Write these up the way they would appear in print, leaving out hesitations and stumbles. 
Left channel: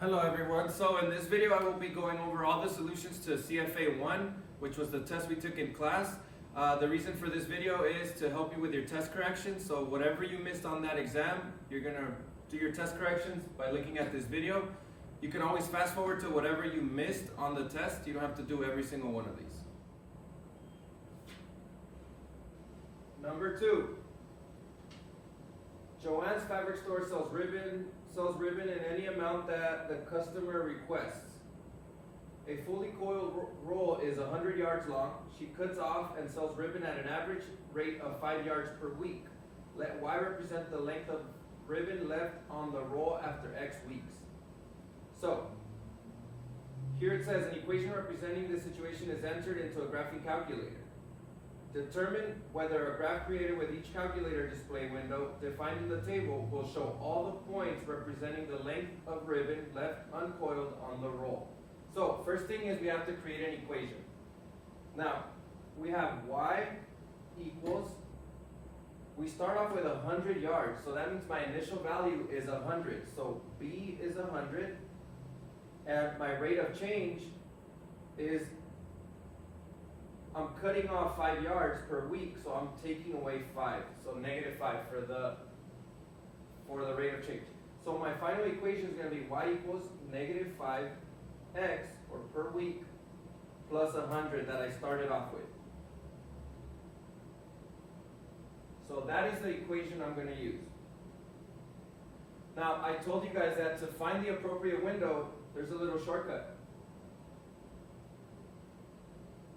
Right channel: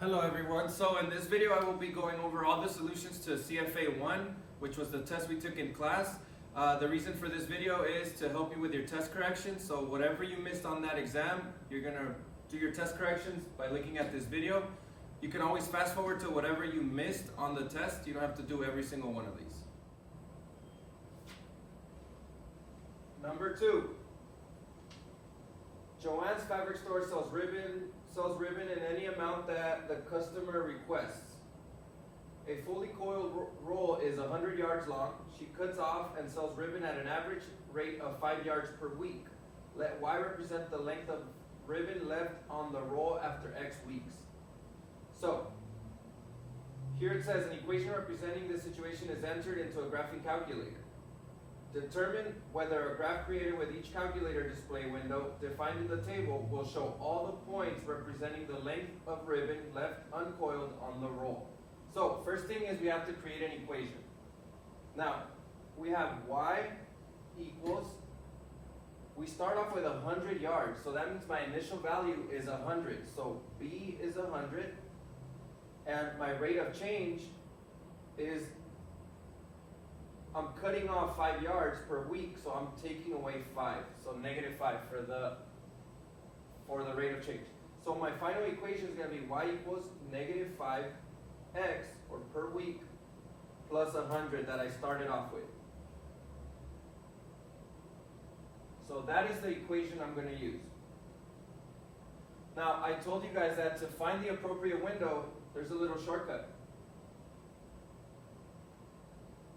Hello everyone. So in this video I will be going over all the solutions to CFA1, which was the test we took in class. The reason for this video is to help you with your test corrections. So whatever you missed on that exam, you're going to do your test corrections by looking at this video. You can always fast forward to whatever you missed on the test. You don't have to do every single one of these. Number 2. Joanne's fabric store sells ribbon in any amount that the customer requests. A fully coiled roll is 100 yards long. She cuts off and sells ribbon at an average rate of 5 yards per week. Let Y represent the length of ribbon left on the roll after X weeks. So, here it says an equation representing this situation is entered into a graphing calculator. Determine whether a graph created with each calculator display window defined in the table will show all the points representing the length of ribbon left uncoiled on the roll. So first thing is we have to create an equation. Now we have Y equals, we start off with 100 yards, so that means my initial value is 100. So B is 100 and my rate of change is, I'm cutting off 5 yards per week, so I'm taking away 5. So -5 for the rate of change. So my final equation is going to be Y equals -5x, or per week, plus 100 that I started off with. So that is the equation I'm going to use. Now I told you guys that to find the appropriate window, there's a little shortcut.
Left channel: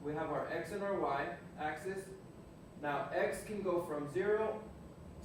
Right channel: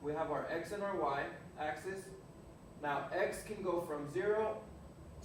We have our X and our Y axis. Now X can go from 0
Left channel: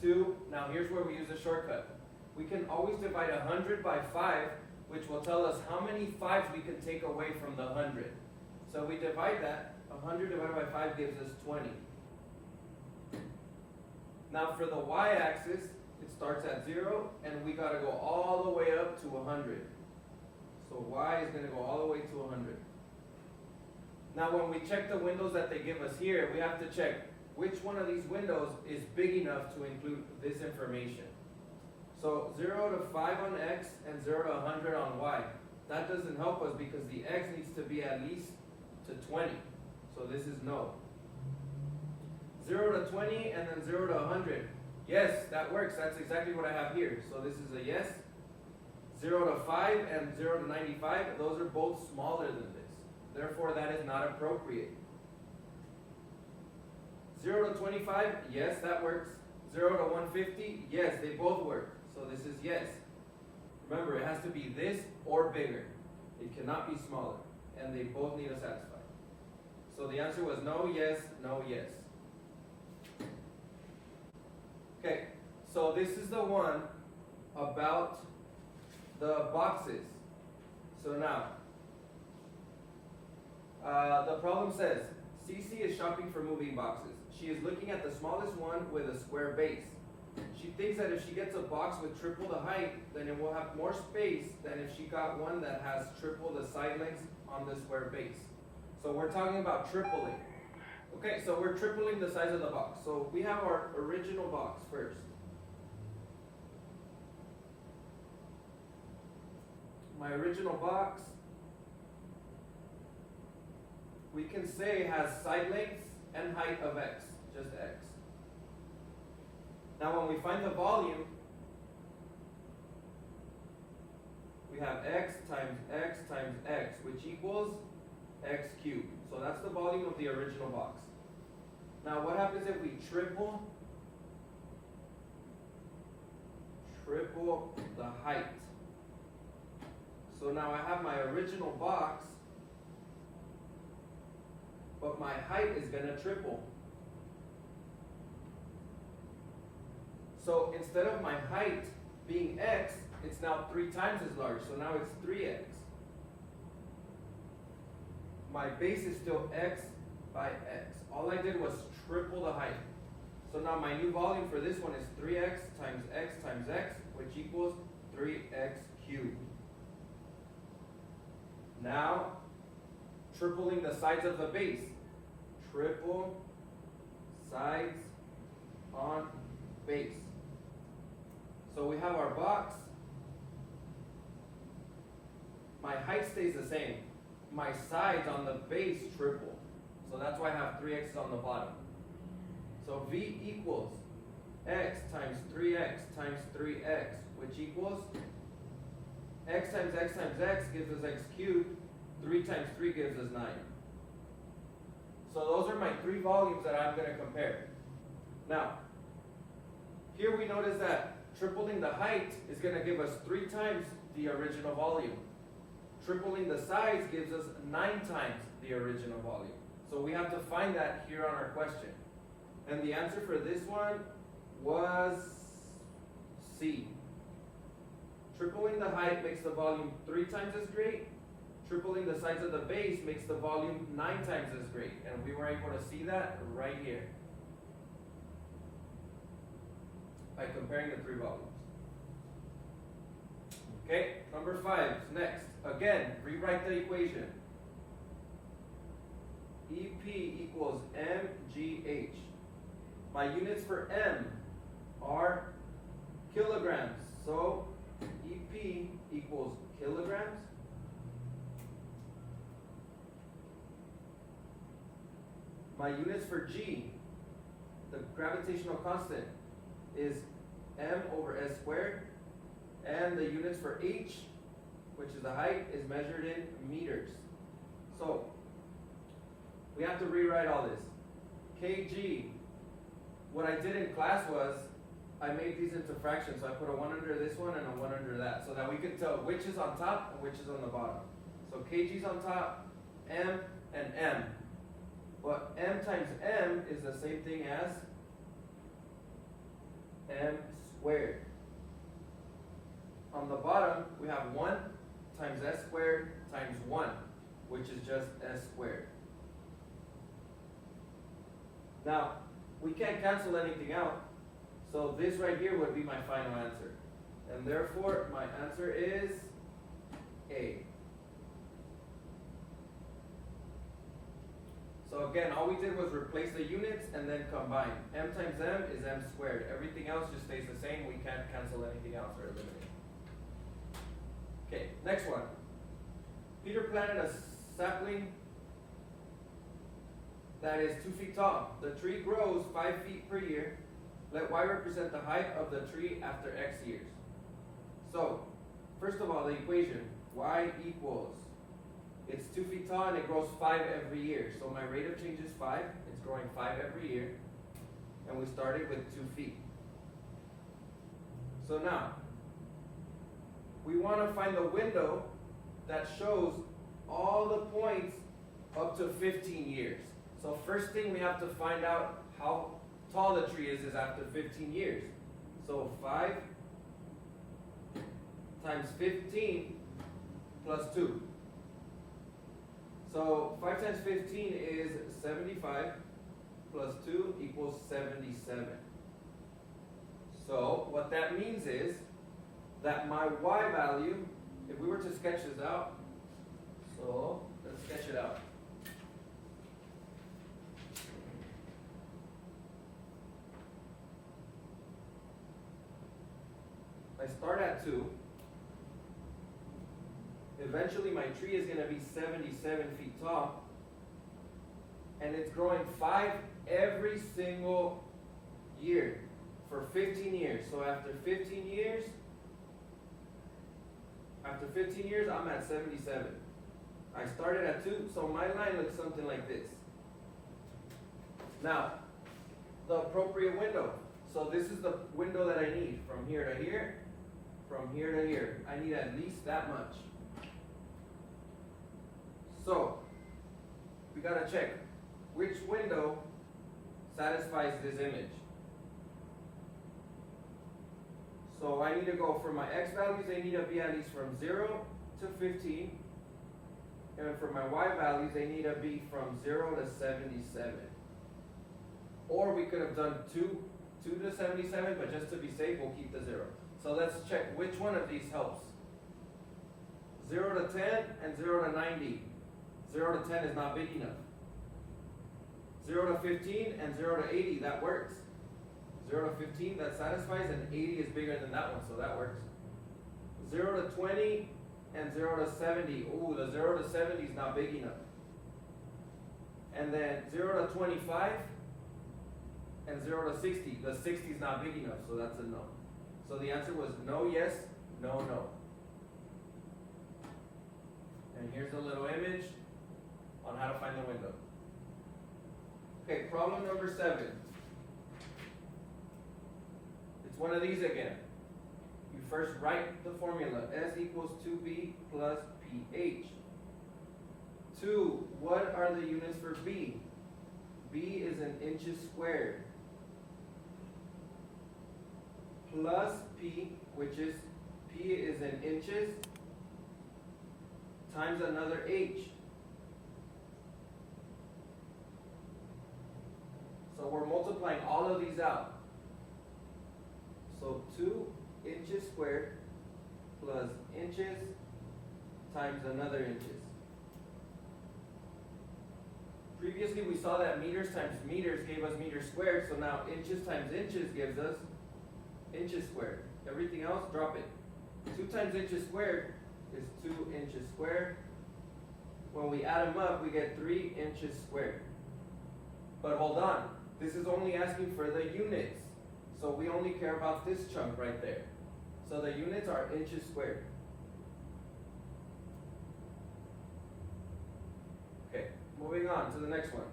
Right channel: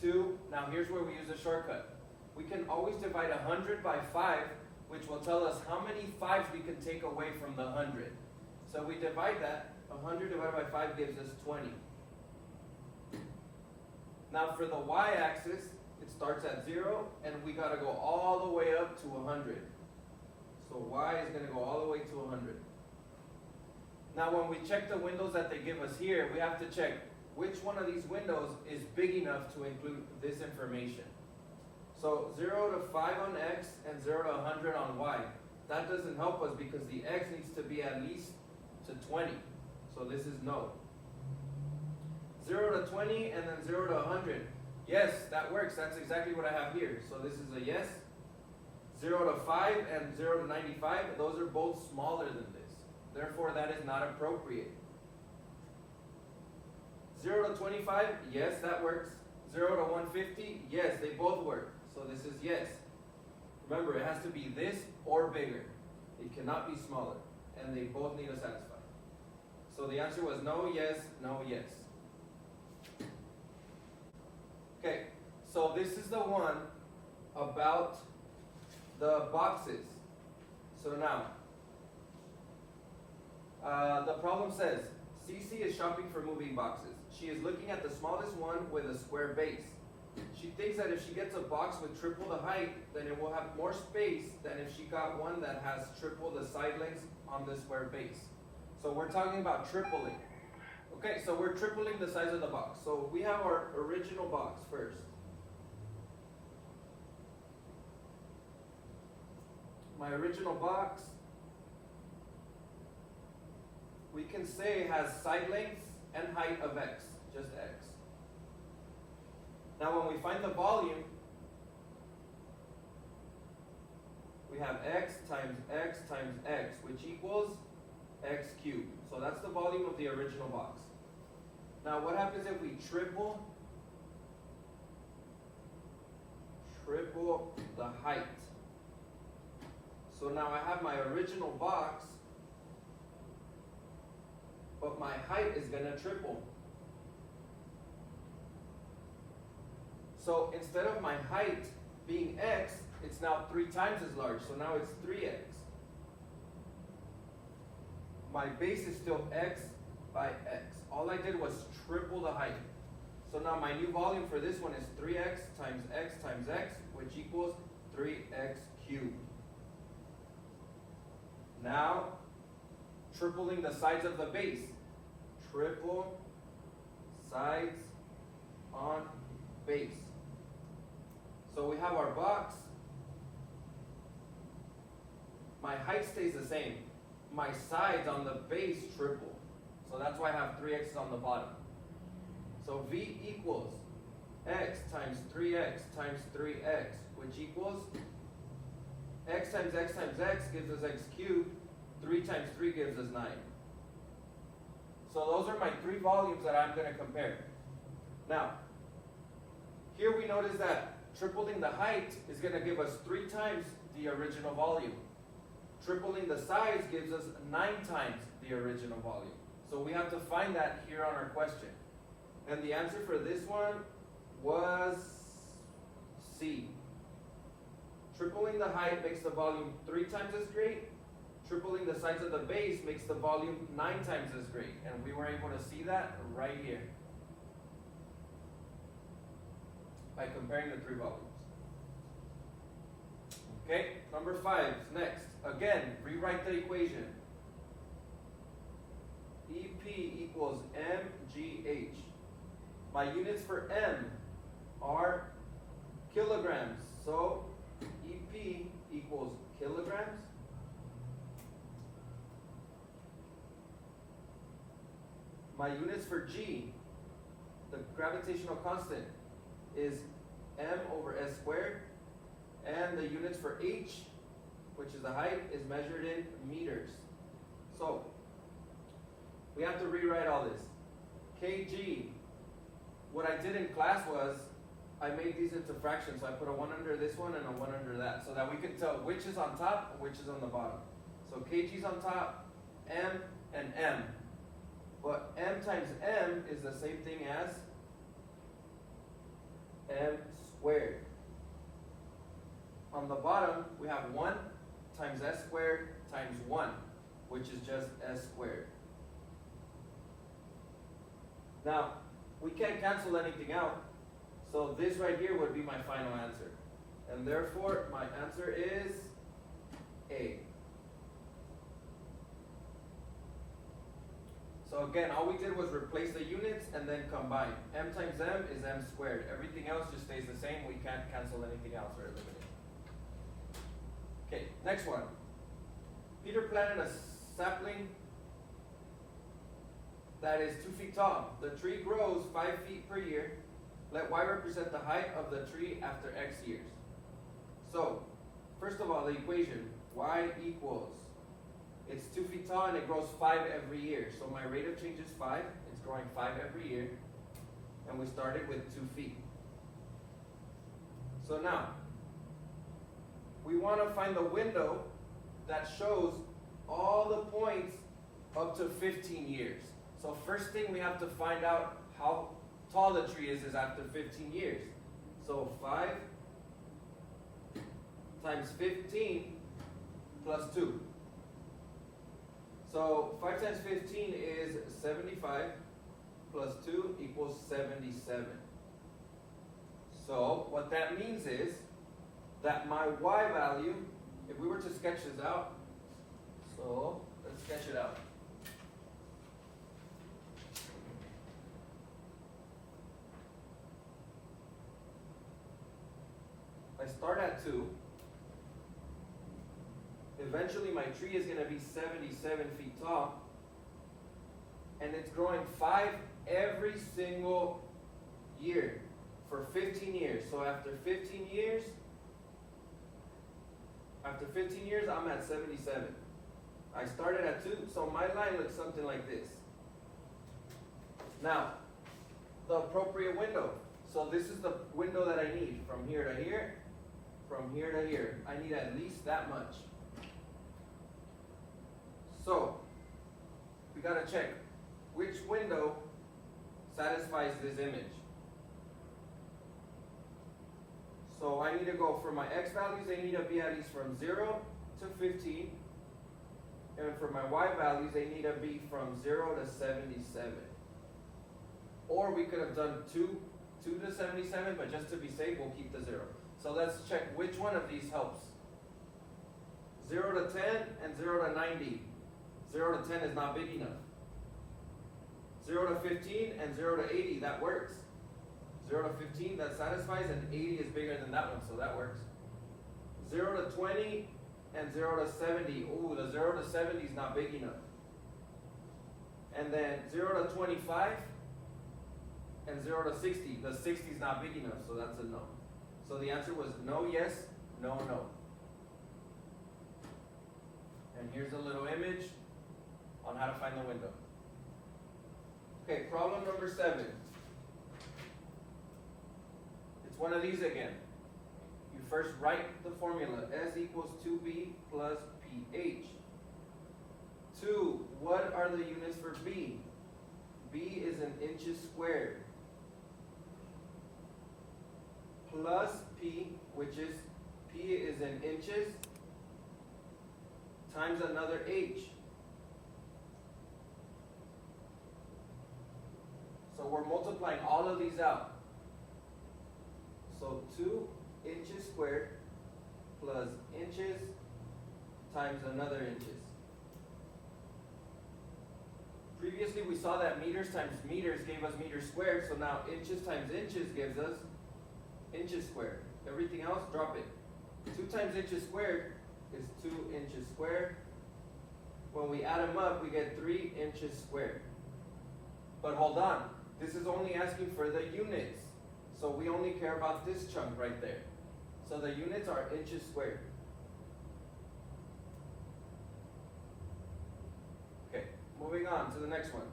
to, now here's where we use a shortcut. We can always divide 100 by 5, which will tell us how many 5s we can take away from the 100. So we divide that, 100 divided by 5 gives us 20. Now for the Y axis, it starts at 0 and we got to go all the way up to 100. So Y is going to go all the way to 100. Now when we check the windows that they give us here, we have to check which one of these windows is big enough to include this information. So 0 to 5 on X and 0 to 100 on Y. That doesn't help us because the X needs to be at least to 20. So this is no. 0 to 20 and then 0 to 100. Yes, that works. That's exactly what I have here. So this is a yes. 0 to 5 and 0 to 95, those are both smaller than this. Therefore, that is not appropriate. 0 to 25, yes, that works. 0 to 150, yes, they both work. So this is yes. Remember, it has to be this or bigger. It cannot be smaller. And they both need to satisfy. So the answer was no, yes, no, yes. Okay, so this is the one about the boxes. So now, the problem says, Cece is shopping for moving boxes. She is looking at the smallest one with a square base. She thinks that if she gets a box with triple the height, then it will have more space than if she got one that has triple the side lengths on the square base. So we're talking about tripling. Okay, so we're tripling the size of the box. So we have our original box first. My original box, we can say has side lengths and height of X, just X. Now when we find the volume, we have X times X times X, which equals X cubed. So that's the volume of the original box. Now what happens if we triple the height? So now I have my original box, but my height is going to triple. So instead of my height being X, it's now 3 times as large. So now it's 3X. My base is still X by X. All I did was triple the height. So now my new volume for this one is 3X times X times X, which equals 3X cubed. Now, tripling the sides of the base. Triple sides on base. So we have our box. my height stays the same. My sides on the base triple. So that's why I have 3x's on the bottom. So V equals x times 3x times 3x, which equals x times x times x gives us x cubed. 3 times 3 gives us 9. So those are my 3 volumes that I'm going to compare. Now, here we notice that tripling the height is going to give us 3 times the original volume. Tripling the size gives us 9 times the original volume. So we have to find that here on our question. And the answer for this one was C. Tripling the height makes the volume 3 times as great. Tripling the size of the base makes the volume 9 times as great. And we were able to see that right here by comparing the 3 volumes. Okay, number 5 is next. Again, rewrite the equation. EP equals mgh. My units for m are kilograms. So EP equals kilograms. My units for G, the gravitational constant, is m over s squared. And the units for H, which is the height, is measured in meters. So we have to rewrite all this. kg, what I did in class was I made these into fractions. So I put a 1 under this one and a 1 under that, so that we could tell which is on top and which is on the bottom. So kg is on top, m and m. But m times m is the same thing as m squared. On the bottom, we have 1 times s squared times 1, which is just s squared. Now, we can't cancel anything out, so this right here would be my final answer. And therefore, my answer is A. So again, all we did was replace the units and then combine. M times m is m squared. Everything else just stays the same. We can't cancel anything else or eliminate. Okay, next one. Peter planted a sapling that is 2 feet tall. The tree grows 5 feet per year. Let y represent the height of the tree after x years. So, first of all, the equation, y equals, it's 2 feet tall and it grows 5 every year. So my rate of change is 5. It's growing 5 every year. And we started with 2 feet. So now, we want to find the window that shows all the points up to 15 years. So first thing we have to find out how tall the tree is after 15 years. So 5 times 15 plus 2. So 5 times 15 is 75 plus 2 equals 77. So what that means is that my y value, if we were to sketch this out, so let's sketch it out. I start at 2. Eventually my tree is going to be 77 feet tall. And it's growing 5 every single year for 15 years. So after 15 years, I'm at 77. I started at 2, so my line looks something like this. Now, the appropriate window. So this is the window that I need from here to here, from here to here. I need at least that much. So, we gotta check which window satisfies this image. So I need to go for my x values, they need to be at least from 0 to 15. And for my y values, they need to be from 0 to 77. Or we could have done 2 to 77, but just to be safe, we'll keep the 0. So let's check which one of these helps. 0 to 10 and 0 to 90. 0 to 10 is not big enough. 0 to 15 and 0 to 80, that works. 0 to 15, that satisfies, and 80 is bigger than that one, so that works. 0 to 20 and then 0 to 70. Ooh, the 0 to 70 is not big enough. And then 0 to 25 and 0 to 60. The 60 is not big enough, so that's a no. So the answer was no, yes, no, no. And here's a little image on how to find the window. Okay, problem number 7. It's one of these again. You first write the formula. S equals 2B plus pH. 2, what are the units for B? B is in inches squared. Plus P, which is, P is in inches, times another H. So we're multiplying all of these out. So 2 inches squared plus inches times another inches. Previously we saw that meters times meters gave us meters squared, so now inches times inches gives us inches squared. Everything else, drop it. 2 times inches squared is 2 inches squared. When we add them up, we get 3 inches squared. But hold on, this is only asking for the units. So we only care about this chunk right there. So the units are inches squared. Okay, moving on to the next one.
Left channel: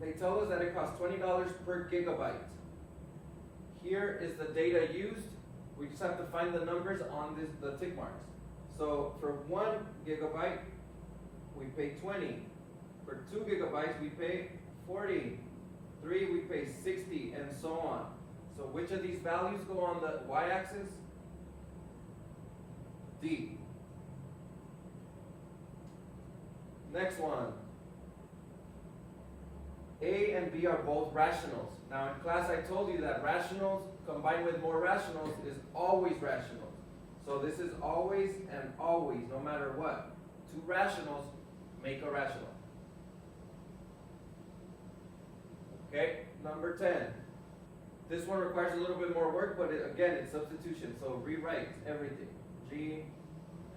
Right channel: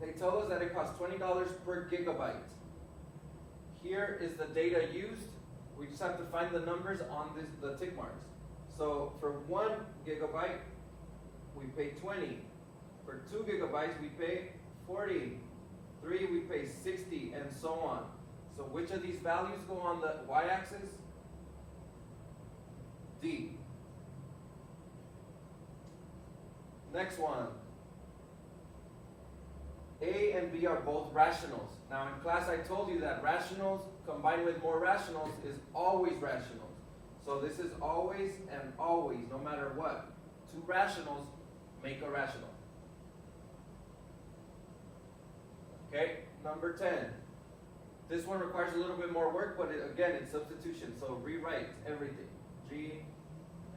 They tell us that it costs $20 per gigabyte. Here is the data used. We just have to find the numbers on the tick marks. So for 1 gigabyte, we pay 20. For 2 gigabytes, we pay 40. 3, we pay 60, and so on. So which of these values go on the y-axis? D. Next one. A and B are both rationals. Now in class I told you that rationals combined with more rationals is always rationals. So this is always and always, no matter what. 2 rationals make a rational. Okay, number 10. This one requires a little bit more work, but again, it's substitution. So rewrite everything. G,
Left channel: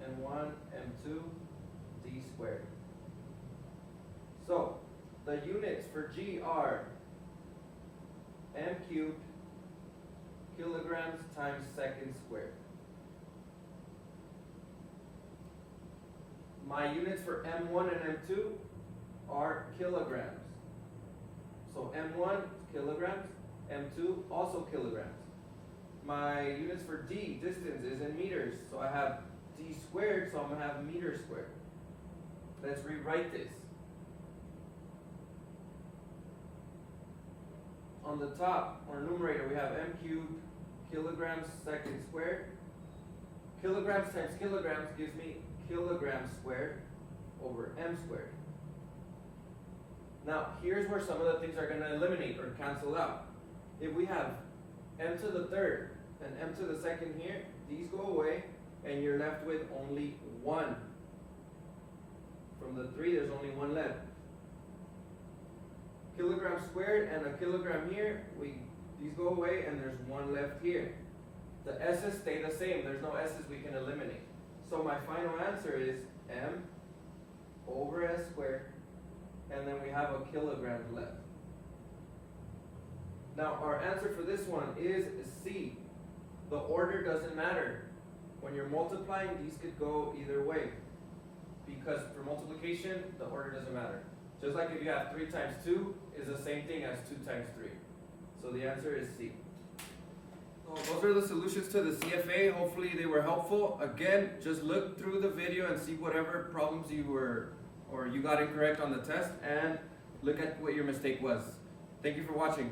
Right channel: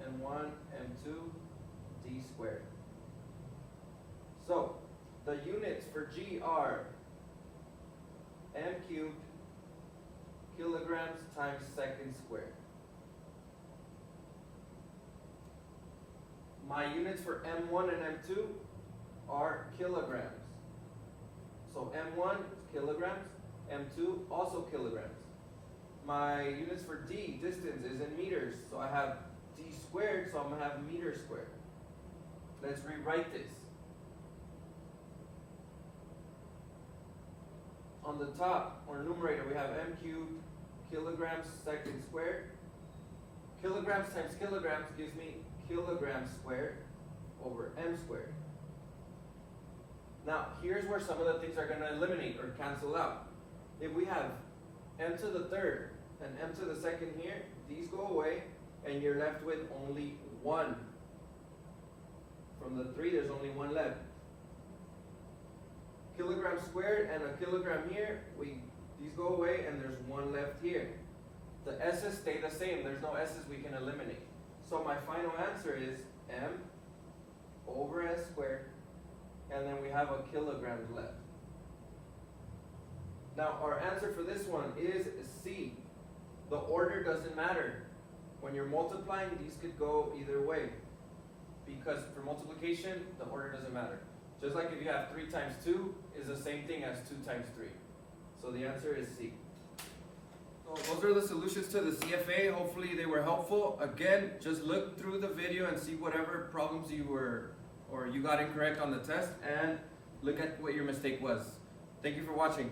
M1, M2, D squared. So the units for G are M cubed kilograms times seconds squared. My units for M1 and M2 are kilograms. So M1 kilograms, M2 also kilograms. My units for D, distance, is in meters. So I have D squared, so I'm going to have meters squared. Let's rewrite this. On the top, or numerator, we have M cubed kilograms seconds squared. Kilograms times kilograms gives me kilograms squared over M squared. Now, here's where some of the things are going to eliminate or cancel out. If we have M to the third and M to the second here, these go away, and you're left with only 1. From the 3, there's only 1 left. Kilogram squared and a kilogram here, these go away, and there's 1 left here. The S's stay the same. There's no S's we can eliminate. So my final answer is M over S squared, and then we have a kilogram left. Now our answer for this one is C. The order doesn't matter. When you're multiplying, these could go either way. Because for multiplication, the order doesn't matter. Just like if you have 3 times 2 is the same thing as 2 times 3. So the answer is C. So those are the solutions to the CFA. Hopefully they were helpful. Again, just look through the video and see whatever problems you got incorrect on the test, and look at what your mistake was. Thank you for watching.